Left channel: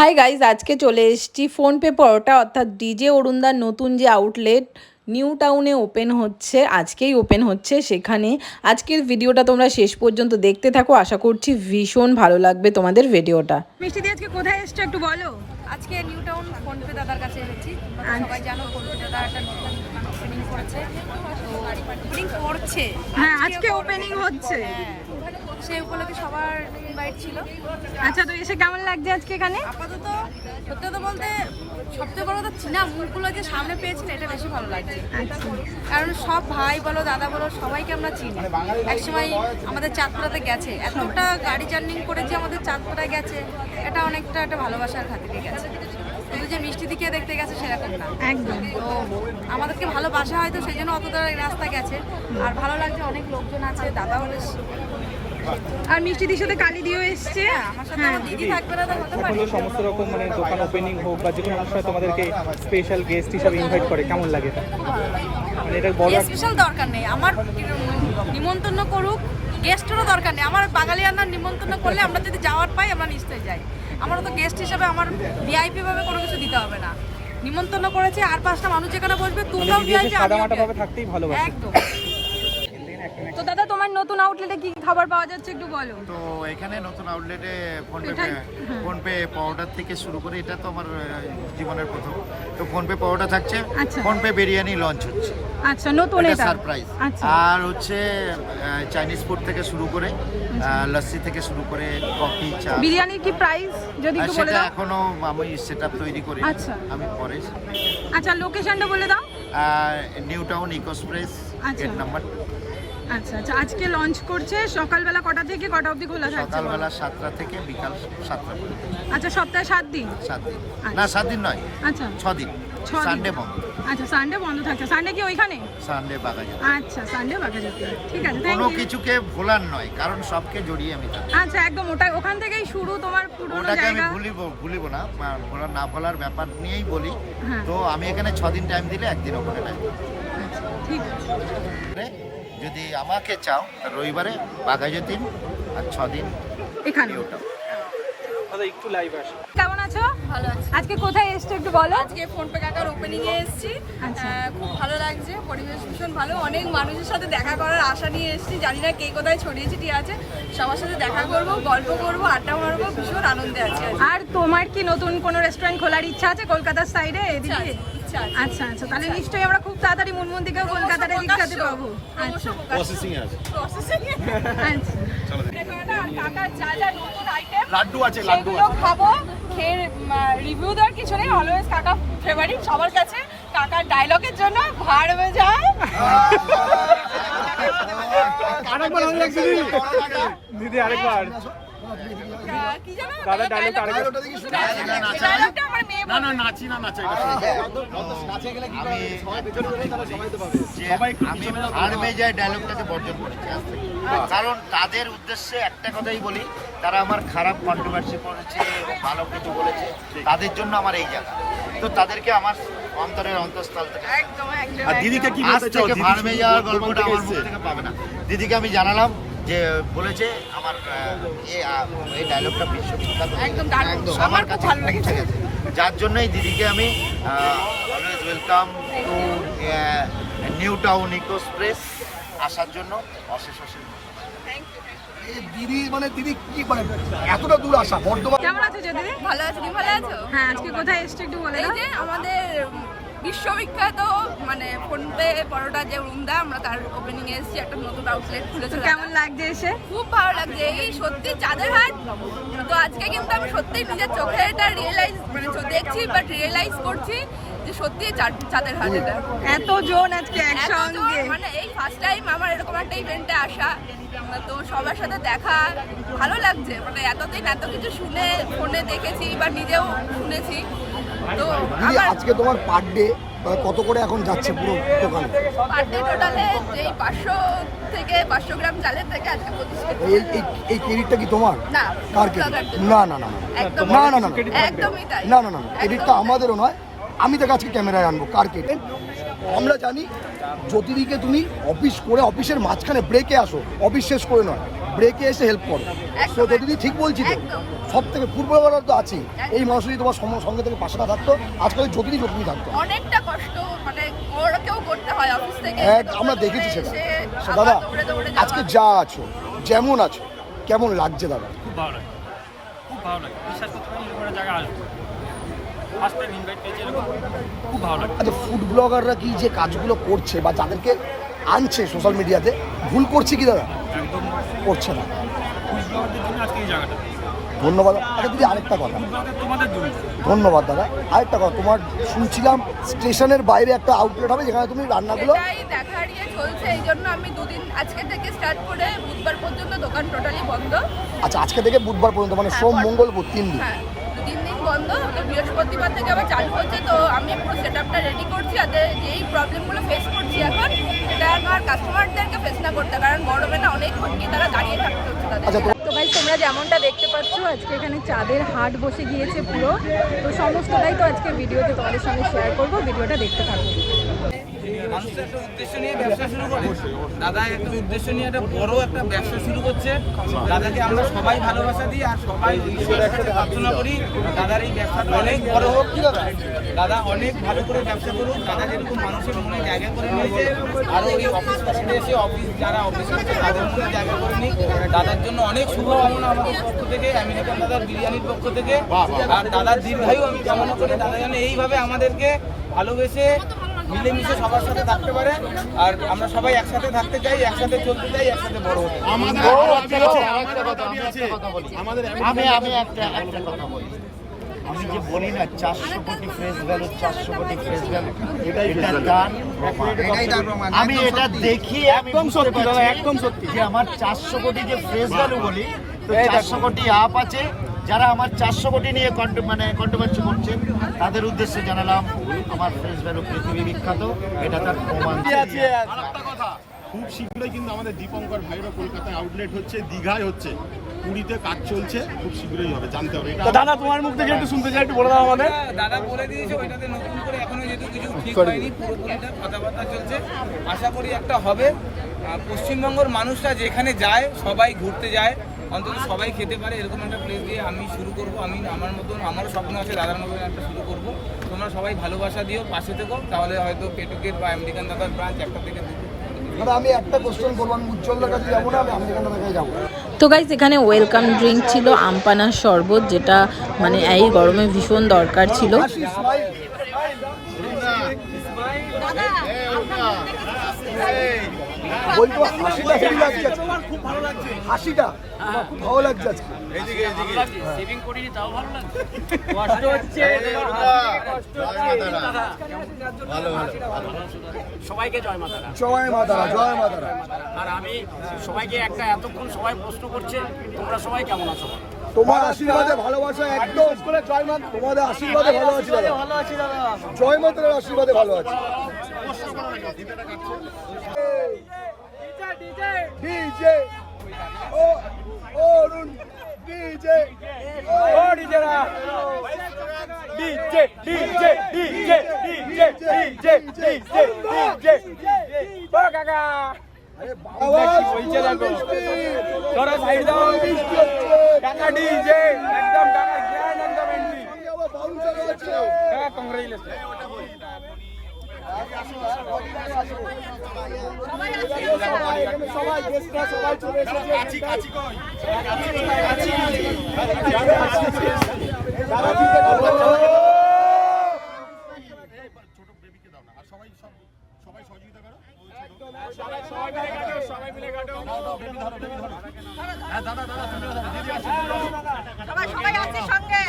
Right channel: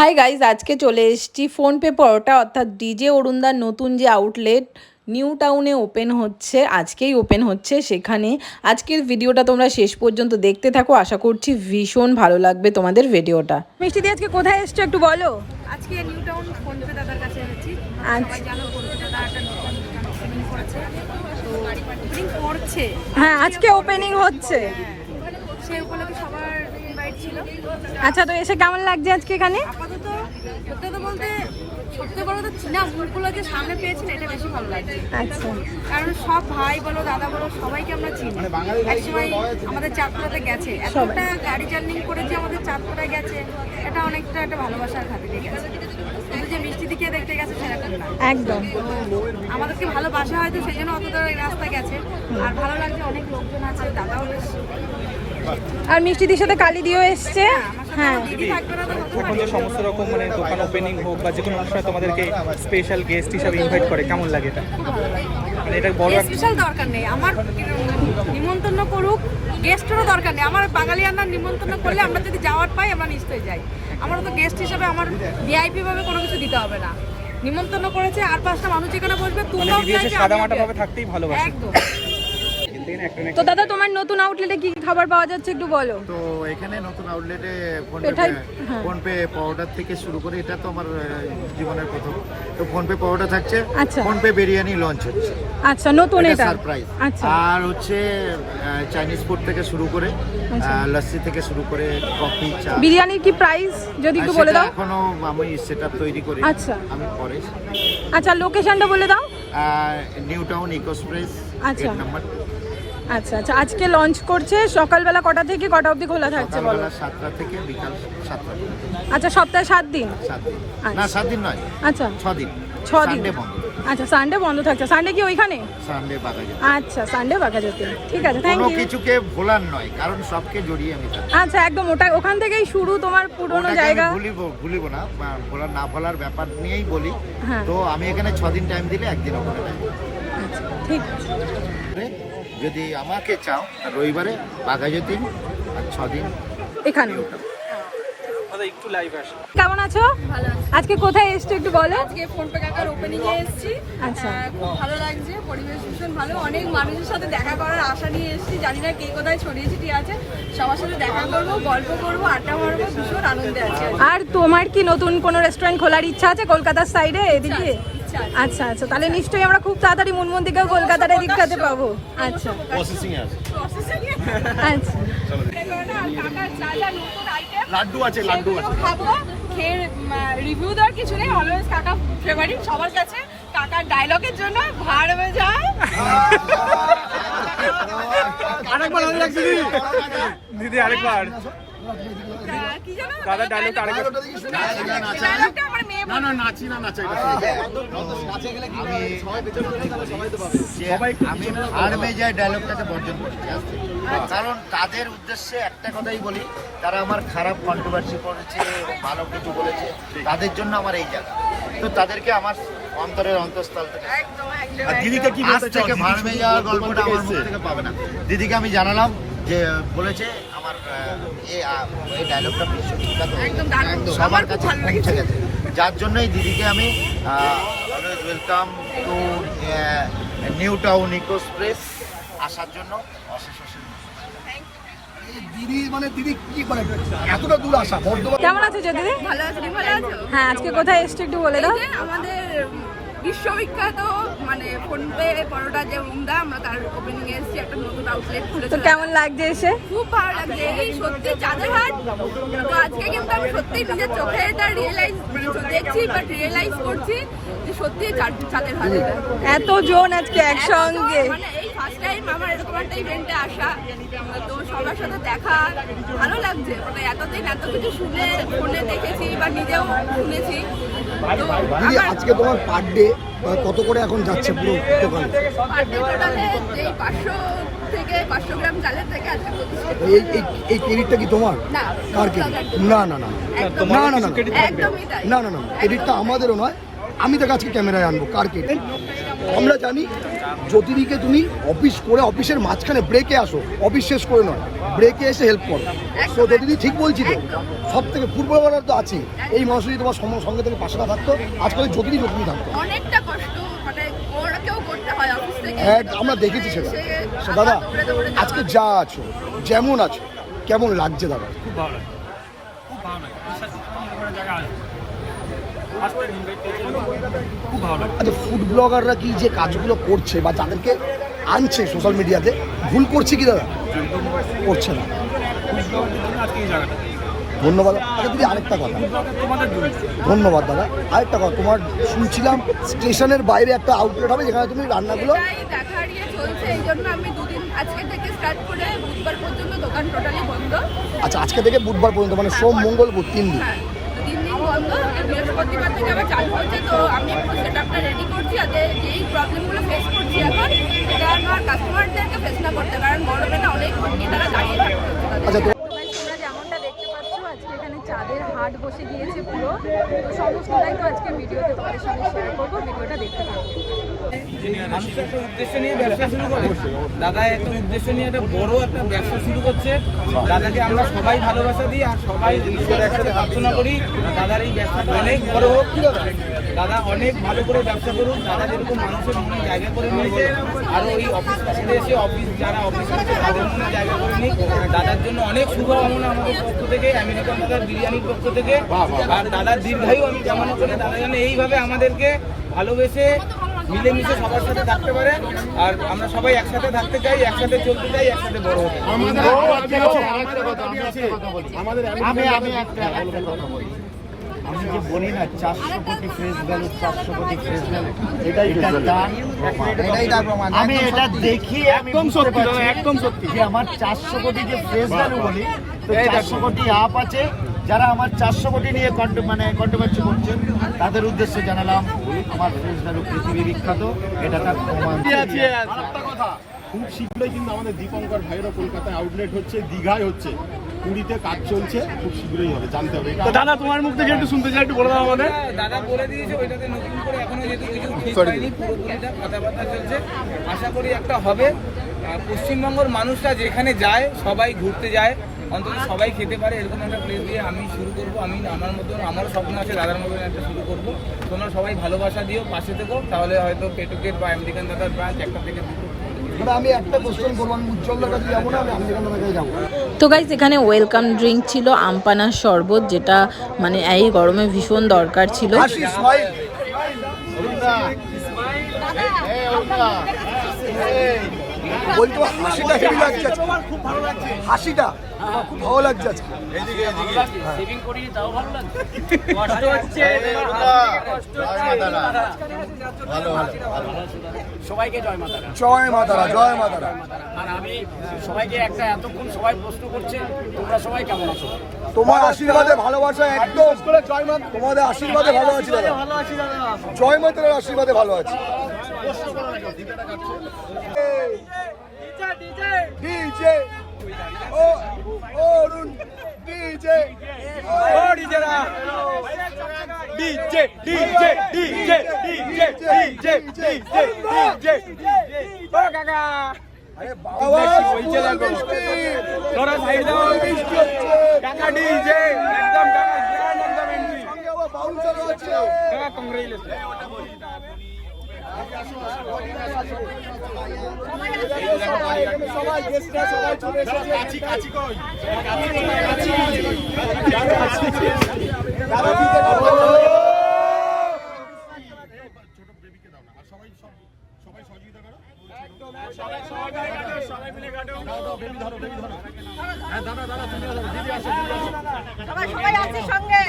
Hi guys, আজকে চলে এসেছি ফোনপে পরোটা অর্থাৎ ডিজে অরুণদার নতুন যে আউটলেট নিউ টাউনে ওপেন হচ্ছে, আজকেই ওপেন হচ্ছে সেখানে। আজকের ভিডিওটা তোমরা শেষ পর্যন্ত দেখতে থাকো, আশা করছি ভীষণ ভালো লাগবে তোমাদের ভিডিওটা। মিষ্টি দি, আজকে কোথায় এসছো একটু বলো। আজকে নিউ টাউন ফোনপে দাদার কাছে এসেছি। সবাই জানো ফোনপে দাদা একটা নতুন দোকান ওপেনিং করেছে, তো ওপেনিং করছে। হ্যাঁ, আজকে ওপেনিং হচ্ছে, সেই উপলক্ষে সবার ইনভাইট ছিল। আচ্ছা, তো এসে কেমন লাগছে আজকে এখানে? আপাতত সত্যি কথা বলতে সবচেয়ে বড় কথা চীনা মুখগুলো যে সামনে পেয়েছেন এটা বেশি ভালো লাগছে। আচ্ছা, কারণ সব ভাই বলো দাদা বলো সবাইকে আমরা চিনি। একসময় আমাদের চাঁদপাড়াতে গেছে, এতটা গাড়ি জার্নি করেছে আমাদের চাঁদপাড়ায় গেছে, এটা অনেকটা একটা ভালোবাসার খাতিরে গেছে। কিন্তু যে মিষ্টি দিকে দেখতে গেছে সেরকম না, একদম। আমাদেরকে ভালোবাসা হয়তো সেই জন্য অতটা রাস্তা গেছে। আর ভালো লাগছে, অনেক লোকজন আছে, দাদাও এসছে। আর মিষ্টি দির সাথে কালি দিয়েও এসছে। হ্যাঁ, দিদি থাকবে না তো হতে পারে। সমস্ত রকম ওপেনিং হোক বা যে কোনো অনুষ্ঠানে তোমাদেরকে স্পেশাল গেস্ট হিসেবে ইনভাইট করে, কেমন লাগে এটা? মানে এটা বড় স্পেশাল দরকার নেই আমার, নিমন্ত্রণ করুক, গেস্টেরও দরকার নেই আমার। বাঙালি আন্নার নিমন্ত্রণ করলে আমরা যদি যাওয়ার পাই আমরা নিশ্চয়ই যাই। আমার তো গেস্ট হিসেবে আমার ভিআইপি ভাবে কোনো কিছু দিতে হবে না। নিমন্ত্রণ করেছে আর 5টা মানুষ যেখানে বসবে, তোমরাও ভিআইপি আমিও সাদামাটাভাবে থাকতেই ভালোবাসি। একদম। তো দাদা, তোমার নতুন আউটলেটে কি কি খাবার পাওয়া যাচ্ছে একটু বলো। তো এখানে নতুন আউটলেটে হ্যাঁ। ফোনপে পাউডার থেকে শুরু করে, এটা তো আমার জীবনের প্রথম। তো ফোনপে পাউডার থাকছে, আচ্ছা। ফোনপে বিরিয়ানি লঞ্চ হচ্ছে, আচ্ছা, নতুন এটা সারপ্রাইজ। আচ্ছা, আর হচ্ছে চাইনিজ ফুড থেকে শুরু করে আচ্ছা। লস্যি থেকে শুরু করে কফি, চা। বিরিয়ানির কি প্রাইস যদি একটু বলে দাও। এখনো আমি সেটআপ তৈরি করি, আচ্ছা। আমি পরে। আচ্ছা, লোকেশনটা বলে দাও। নিউ টাউন ইকোস্প্রেস আচ্ছা। নাম্বার। আচ্ছা আচ্ছা, আজকে লঞ্চ করছে। সকালবেলা কটা থেকে কটা অবধি খোলা থাকছে বলো। সকালবেলা 7টা থেকে বিকাল 7টা পর্যন্ত। আচ্ছা, সপ্তাহে 7 দিন। 7 দিন আচ্ছা। না, 7 দিন নয়, আচ্ছা, 6 দিন। 6 দিন সানডে বন্ধ। আচ্ছা, সানডে বন্ধ থাকছে। সানডে কি ওইখানে? সানডে বাগাজে। আচ্ছা, সানডে বাঘাযতীন। ঠিক আছে, থ্যাংক কোনো ইউ। কিছুকে ভোলার নয়, কারণ সবকে জড়িয়ে আমি থাকি। আচ্ছা, একদম ওখান থেকেই শুরু তোমার পুরনো ওটাকে আমি জায়গা। ভুলিব না, ভোলার না ভোলার ব্যাপার নিয়েই বলি। হ্যাঁ। তো আমি এখানে 6 দিন টাইম দিলে, একদিন ওখানে টাইম। আচ্ছা, ঠিক আছে। যদি আমাকে চাও রবিবারে বাঘাযতীন, আর 6 দিন এখানে একটু লাইভ আসে। কেমন আছো? ভালো আছে। আজকে কোথায় এসছো একটু বলো। আজকে ফোনপে কাকার ওপেনিং এ এসেছি। আচ্ছা। খুব ভালো লাগছে, পরিবেশ ভীষণ ভালো। অনেক মানুষের সাথে দেখা করার আশা নিয়ে এসেছি, জানি না কে কোথায় ছড়িয়ে ছিটিয়ে আছে। সবার সাথে দেখা করবো, গল্প করবো, আড্ডা মারবো, ভীষণ আনন্দে আছি। আর তোমার কি নতুন কোনো রেস্টুরেন্ট খোলার ইচ্ছা আছে কলকাতার সাইডে এদিকে? ইচ্ছা আছে। আচ্ছা আচ্ছা, তাহলে নিশ্চয়ই আমরা খুব তাড়াতাড়ি মুনমুন দিকেও কলকাতার এদিক কাতে পাবো। আচ্ছা প্রসেসিং আচ্ছা, লাড্ডু আছে, লাড্ডু আছে। খাবো, খেয়ে রিভিউ দেওয়ার কিছু নেই। অলওয়েজ কাকা ফেভারিট সবার কাছে। কাকার ডায়লগের জন্য ভাড় হয়ে যায়। দিদি আরেকবার কি জানো আমি যাই ডায়লগটাকে বর্জন করছি আজকে। কারণ তাদের উদ্দেশ্যে একটা কথাই বলি, তারা আমার খারাপ কন্ট্রোভার্সি করেছে এবং ভালো কিছু বলেছে, তাদের জন্য আমার এই জায়গা। তো তাদেরকে আমার অন্তরের অন্তঃস্থল থেকে, আর দিদিকে কি বলতে চাও? ভাড়মে যাওয়ার গল্পটা আমার মুখ থেকে পাবে না। দিদিকে আমি জানালাম যে বলেছে আমার এই ডায়লগটা বিশ্ববিখ্যাত, সবার কাছে পৌঁছে গেছে, যার জন্যই দিদিকে আমি ওয়েলকাম টু নিউ টাউন ইকোস্প্রেস আসার জন্য অশেষ অশেষ। দিদি কি মানে এতটা দূর আসা বর্ধমান। কেমন আছো দিদি? ভালো আছো, তুমি ভালো আছো? হ্যাঁ, আজকে কোথায় এসছো একটু বলে দাও। এই যে আমাদের বিশ্ববিখ্যাত মানে ফোনপে পরোটা যে রুমদা, আমরা তার ওপেনিং এ এসেছি, একটা নতুন আউটলেট তো খুলেছে। কেমন লাগছে এসে? খুব ভালো লাগছে, এই সত্যি চাঁদের হাট। তো আজকে কিন্তু আমি সত্যি নিজের চোখে এটা রিয়েলাইজ দেখছি, বাট রিয়েলাইজ করছি যে সত্যি চাঁদের হাট এটা। এত জন আজকে একসঙ্গে। মানে এই ফার্স্ট টাইম আমার এরকম একটা ইভেন্টে আসা, তো সবার সাথে দেখা, ভালো লাগছে। মানে এতদিন এত কিছু শুনে ফোনে দেখেছি বা নিজেও শুনেছি। তো দিদি আমার আজকে তোমার পার ডে কত করে এখন যাচ্ছে পুরো দোকানে? পার ডে টোটালে এই 500 থেকে 500 গ্রাম চালের থেকে আজকে 25 এই এই এই ক্রেডিটটা কি তোমার? না, কার ক্রেডিট? না না না একদম না না না একদমই তাই। না না না, ক্রেডিটটা আমাদেরও নয়। আমি তাকে আজকে ক্যামেরায় আনবো, কার ক্রেডিট? আমরা জানি জ্যোতিদিকে তুমি অফিস করে অফিসের মাঝখানে ব্রেকে আসো, অফিস শেষ করে নাও, ব্রেকে এসে হেল্প করো। তো দিদি ঠিক বলছি তো, সব থেকে ফুটবলাররা তো আছে, এই মানুষ যদি তোমার সঙ্গে থেকে পাশে না থাকতো আজকাল যদি থাকতো। অনেকটা কষ্ট মানে ওরাকেও করতে হয় অফিস থেকে। হ্যাঁ, আমরা দেখেছি সেটা। দাদা আজকে যা আছো, যেমন আছো, কেমন লাগছে দাদা? খুব ভালো লাগে, খুব ভালো লাগে। বিশ্বাস করতে পারি এরকম একটা জায়গা আসবে, ফার্স্ট টাইম ইনভাইট পেয়েছি এরকম, খুব ভালো লাগে। আচ্ছা, ফুড ব্লগাররা কি যে কাজগুলো করছে বা যাদেরকে আনছে সোশ্যাল মিডিয়াতে, ভুল করছে কি দাদা? একদম করছে না। ফুড ব্লগারদের জন্য আজকে এই জায়গাটা, ধন্যবাদ। আচ্ছা দিদি আরেকটা কথা, ফুড ব্লগার তোমাদের জন্য। ধন্যবাদ দাদা। আরেকটা কথা, তোমার শুনছিলাম স্টেশনের বাইরে একটা আউটলেট হবে যেখানে তুমি রান্নাগুলো। এটাই দেখার ইয়ে চলছে, এই জন্য আমি দুদিন আজকে থেকে স্টার্ট করে বুধবার পর্যন্ত দোকান টোটালি বন্ধ। আচ্ছা, আজকে থেকে বুধবার পর্যন্ত, মানে সোম মঙ্গল বুধ 3 দিন। হ্যাঁ 3 দিন বন্ধ, বৃহস্পতিবার থেকে আবার চালু হচ্ছে। তো আমি পুরো সেটআপটা রেডি করছি, আর যেই প্রবলেমগুলো ফেস করছি এখন সেটা আমার কাস্টমারদেরকে ফেস না করতে, কারণ গরমে না অনেক ঘন্টি তারা দাঁড়িয়ে থাকছে। আচ্ছা, তো গাইস তোমরা যেমনটা দেখতে পাচ্ছ আজকে এখানে চাঁদের হাট বসে গিয়েছে পুরো। তো সমস্তটাই তো আজকে ভিডিওতে তোমাদের সঙ্গে শেয়ার করব, ভিডিওটা দেখতে থাকো। মানুষ একটা উদ্দেশ্য নিয়ে ব্যবসা শুরু করে, দাদা একটা উদ্দেশ্য নিয়ে একটা বড় একটা ব্যবসা শুরু করছে। দাদাকে আমরা সবাই ভালোবাসা দিই আর সবাই ঈশ্বরের কাছে প্রার্থনা করি দাদার এই ব্যবসাটা অনেক বড় হোক। কি দাদা অনেক ভালো করে ব্যবসা করুন। দাদা যেরকম মানুষের মনে জায়গা করে নিয়েছে, আর ওই অফিস কাছে এসে যারা অফিস করছে তাদের মনে জায়গা করে নিই। দাদার জন্য অনেক শুভকামনা আমাদের পক্ষ থেকে, আমেরিকান দাদার বিরিয়ানির পক্ষ থেকে। আর দাদার দীর্ঘায়ু আমি কামনা করি, দাদা যেন এইভাবে আমাদেরকে ভালোবেসে মিলেমিশে সবার সাথে থাকতে পারে। আর আমরা সবাই একসাথে থাকতে চাই, একসাথে চলতে চাই, একসাথে বড় হতে চাই। আমি যে বলি না 400 কোটি ফেস ভ্যালু, 400 কোটি ফেস ভ্যালু, এটাই তার প্রমাণ। আমি এটা দেখি একদম সত্যি, একদম সত্যি যে আমার 400 কোটি যে ফেস ভ্যালু বলি, তো 400 কোটি আপ আছে যারা আমার 400 কোটি নিয়ে কন্ট্রোভার্সি করছে, তাদের উদ্দেশ্যে জানালাম আমার ফেস ভ্যালু পৃথিবী বিখ্যাত, এটা তার প্রমাণ। আরেকটা কথা, খুব শীঘ্রই কিন্তু আমাদের দীপঙ্কর ভাইয়েরও কলকাতায় আউটলেট হচ্ছে, দীঘায় হচ্ছে, পুরীতে কাজ চলছে, খুব শীঘ্রই হবে, জানতে হবে। এটা দাদা তোমার মুখ থেকে একটু শুনতে চাই, একটু বলে দাও আমাদের। দাদা বলে দিয়েছে ওইটাতে নতুন করে এখনো যেহেতু কিছু ঠিক হয়নি, পুরোপুরিটা কথাবার্তা চলছে, আশা করি একটা হবে। আর পশ্চিমবঙ্গের মানুষরা যেখানে যায় সবাই ঘুরতে যায়, অন্তত সবাই খেতে পারে এরকম একটা প্লেস দিয়ে আমি শুরু করবো। আমি আমার মতন, আমার স্বপ্ন আছে দাদার মতন একটা শুরু করবো। তোমরা সবাই ভালোবাসা দিও, পাশে থেকো, তাহলে হয়তো পেটুকের বা আমেরিকান দাদার ব্রাঞ্চ একটা থেকে দুটো। মানে আমি একটা কোশ্চেন করবো, আমি উজ্জ্বলের কাছে যাবো না, আমি আমেরিকান কাছে যাবো। তো গাইস এখানে ওয়েলকাম ড্রিঙ্ক ছিল আমপানার শরবত, যেটা মানে এই গরমে ভীষণ দরকার ছিল। হাসিটা ভালো লাগছে। সেভিং করিনি তাও ভালো লাগছে। সবাইকে জয় মাতা। জয় মাতা, জয় মাতা। আর আমি সবাইকে একটা, এতক্ষণ সবাই প্রশ্ন করছে তোমরা সবাই কেমন আছো? তোমার আশীর্বাদে ভালোবাসা একদম করে জয় মাতা। তোমাদের আশীর্বাদে ভালো আছি, ভালো আছি দাদা। জয় মাতার আশীর্বাদে ভালো আছি। ডিজে ও ডিজেরা, DJ DJ DJ DJ DJ DJ DJ ও কাকা কি বলছে দেখো, তোরা সাইড দাও কাকা, ডিজে একদম কাকা গ্র্যান্ড একদম এন্ট্রি কাকা, কংগ্রেচুলেশন। সবাই আছে সঙ্গে।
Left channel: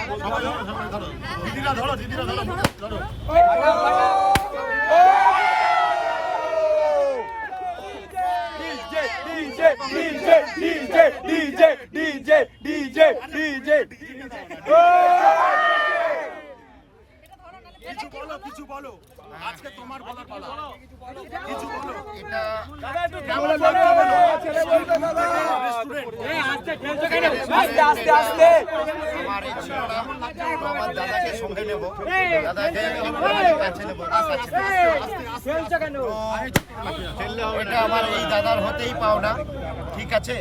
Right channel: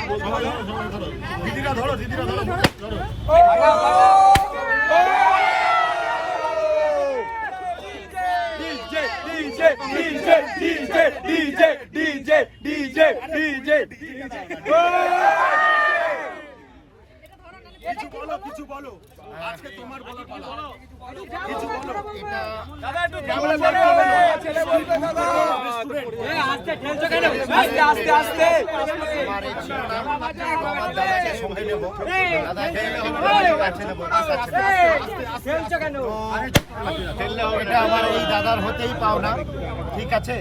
দিদিরা ধরো, দিদিরা ধরো, ধরো। DJ DJ DJ DJ DJ DJ DJ DJ কিছু বলো, কিছু বলো, আজকে তোমার বলার পালা, কিছু বলো। এটা কেমন লাগছে বলো। আস্তে আস্তে আস্তে আমার এই ছিল না, আমার দাদাকে সঙ্গে নেবো, দাদাকে কাছে নেবো। তো এটা আমার এই দাদার হতেই পাও না, ঠিক আছে।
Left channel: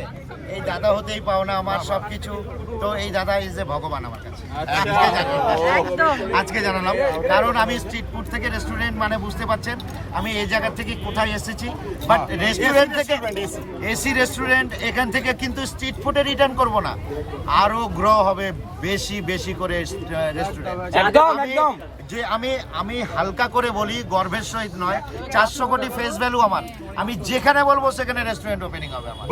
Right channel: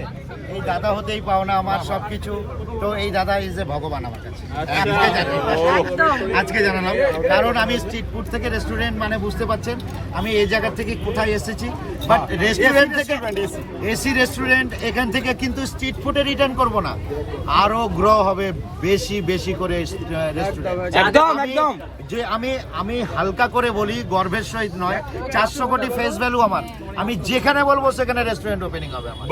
এই দাদা হতেই পাও না আমার সবকিছু। তো এই দাদা ইজ এ ভগবান আমার কাছে। আজকে জানালাম, কারণ আমি স্ট্রিট ফুড থেকে রেস্টুরেন্ট, মানে বুঝতে পারছেন আমি এই জায়গা থেকে কোথায় এসেছি। বাট রেস্টুরেন্ট থেকে এসি রেস্টুরেন্ট, এখান থেকে কিন্তু স্ট্রিট ফুডে রিটার্ন করব না, আরো গ্রো হবে বেশি বেশি করে রেস্টুরেন্ট। একদম একদম যে আমি হালকা করে বলি, গর্বের সহিত নয়, 400 কোটি ফেস ভ্যালু আমার। আমি যেখানে বলবো সেখানে রেস্টুরেন্ট ওপেনিং হবে আমার।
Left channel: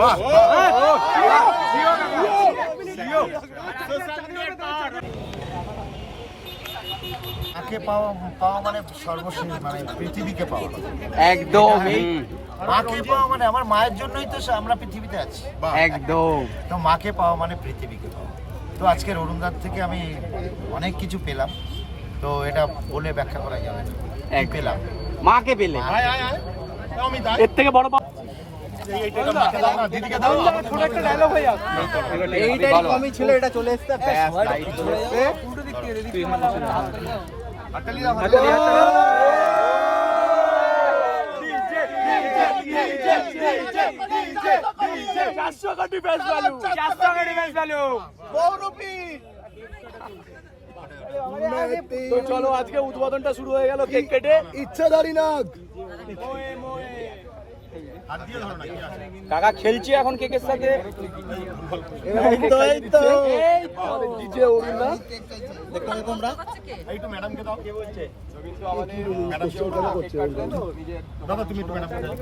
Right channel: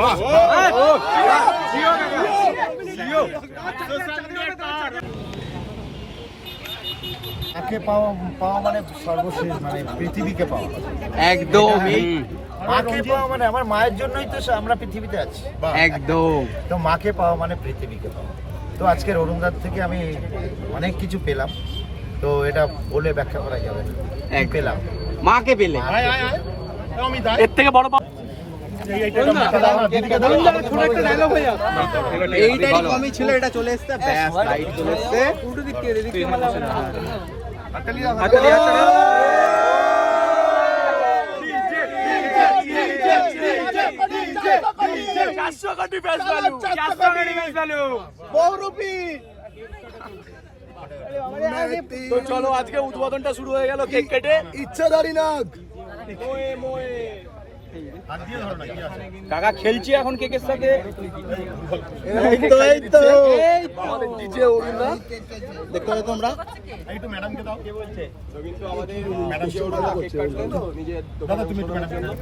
মাকে পাওয়া মানে সর্বশেষ, মানে পৃথিবীকে পাওয়া। একদম মাকে পাওয়া মানে আমার মায়ের জন্যই তো আমরা পৃথিবীতে আছি। একদম তো মাকে পাওয়া মানে পৃথিবীকে পাওয়া। তো আজকের অরুণদার থেকে আমি অনেক কিছু পেলাম, তো এটা বলে ব্যাখ্যা করা যাবে না। এক পেলাম মাকে পেলে এর থেকে বড় এইটারই কমই ছিল, এটা চলে এসছে, ব্যাস লাইট চলে এসছে। উল্টো দিক থেকে দিক থেকে মারলে হবে না। চলো আজকে উদ্বোধনটা শুরু হয়ে গেল, কেক কেটে ইচ্ছাধারী নাগ। কাকা খেলছি এখন কেকের সাথে। দেখতে পাবে তোমরা। একটু ম্যাডামকে দাও। কে বলছে? রবীন্দ্র আমাদের ম্যাডাম কেক কাটলেন তো নিজে। দাদা তুমি একটু ম্যাডামকে দাও।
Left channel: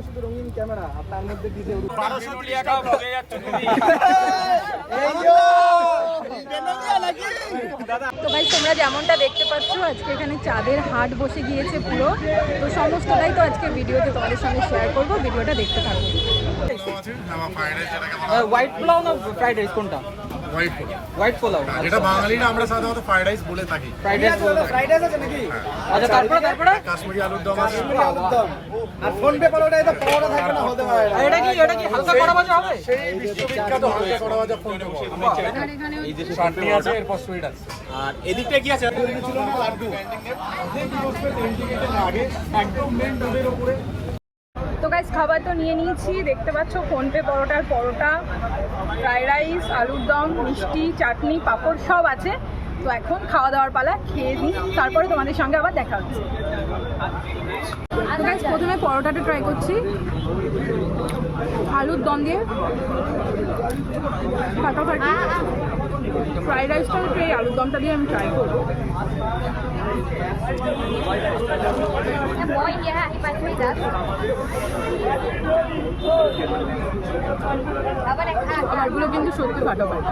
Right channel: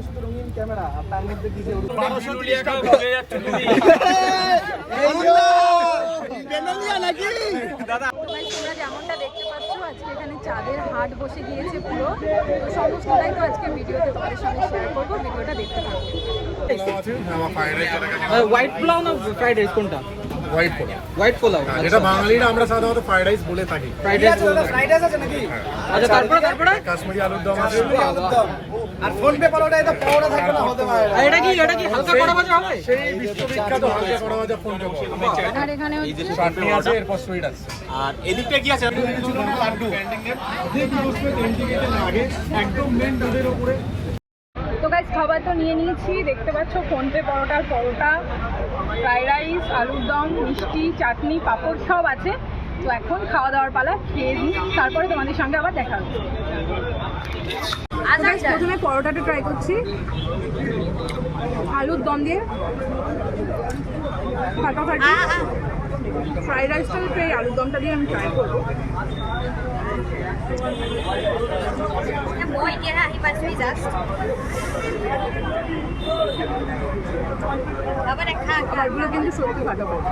তো ভাই তোমরা যেমনটা দেখতে পাচ্ছ আজকে এখানে চাঁদের হাট বসে গিয়েছে পুরো। তো সমস্তটাই তো আজকে ভিডিওতে তোমাদের সঙ্গে শেয়ার করব, ভিডিওটা দেখতে থাকো। হোয়াইট পোলাও না ফ্রাইড রাইস কোনটা? হোয়াইট পোলাও। হোয়াইট পোলাও যেটা বাঙালিরা আমরা সাধারণত ফ্রাইড রাইস বলে থাকি। ফ্রাইড রাইস বলতে। আচ্ছা তারপরে কাশ্মীরি আলুর দম আছে। আর এটা কি হালকা করা ভাজা হবে? সেই বিশ্ববিখ্যাত হালকা করা ভাজা ফোন পে পাওয়া। আর এখানে হচ্ছে চাটনি আছে, এরপর সুইট আছে। আর এদিকটা কি আছে? তো গাইস খাবার তো নিয়ে নিয়েছি, দেখতে পাচ্ছ ফোনপে পরোটার পরোটা, ফ্রাইড রাইস, আলুর দম, মিষ্টি, চাটনি, পাঁপড় সব আছে। তো এখন খাওয়া দাওয়ার পালা, খেয়ে নিই, তারপরে তোমাদের সঙ্গে আবার দেখা হচ্ছে। তো গাইস প্রথমে পরোটাটা ট্রাই করছি আলুর দম দিয়ে, ফাটাফাটি। ফ্রাইড রাইসটা আমি পেয়ে আলুর দমটা দিয়ে আমি ট্রাই করবো। খাবারগুলো কিন্তু সত্যি ফাটাফাটি।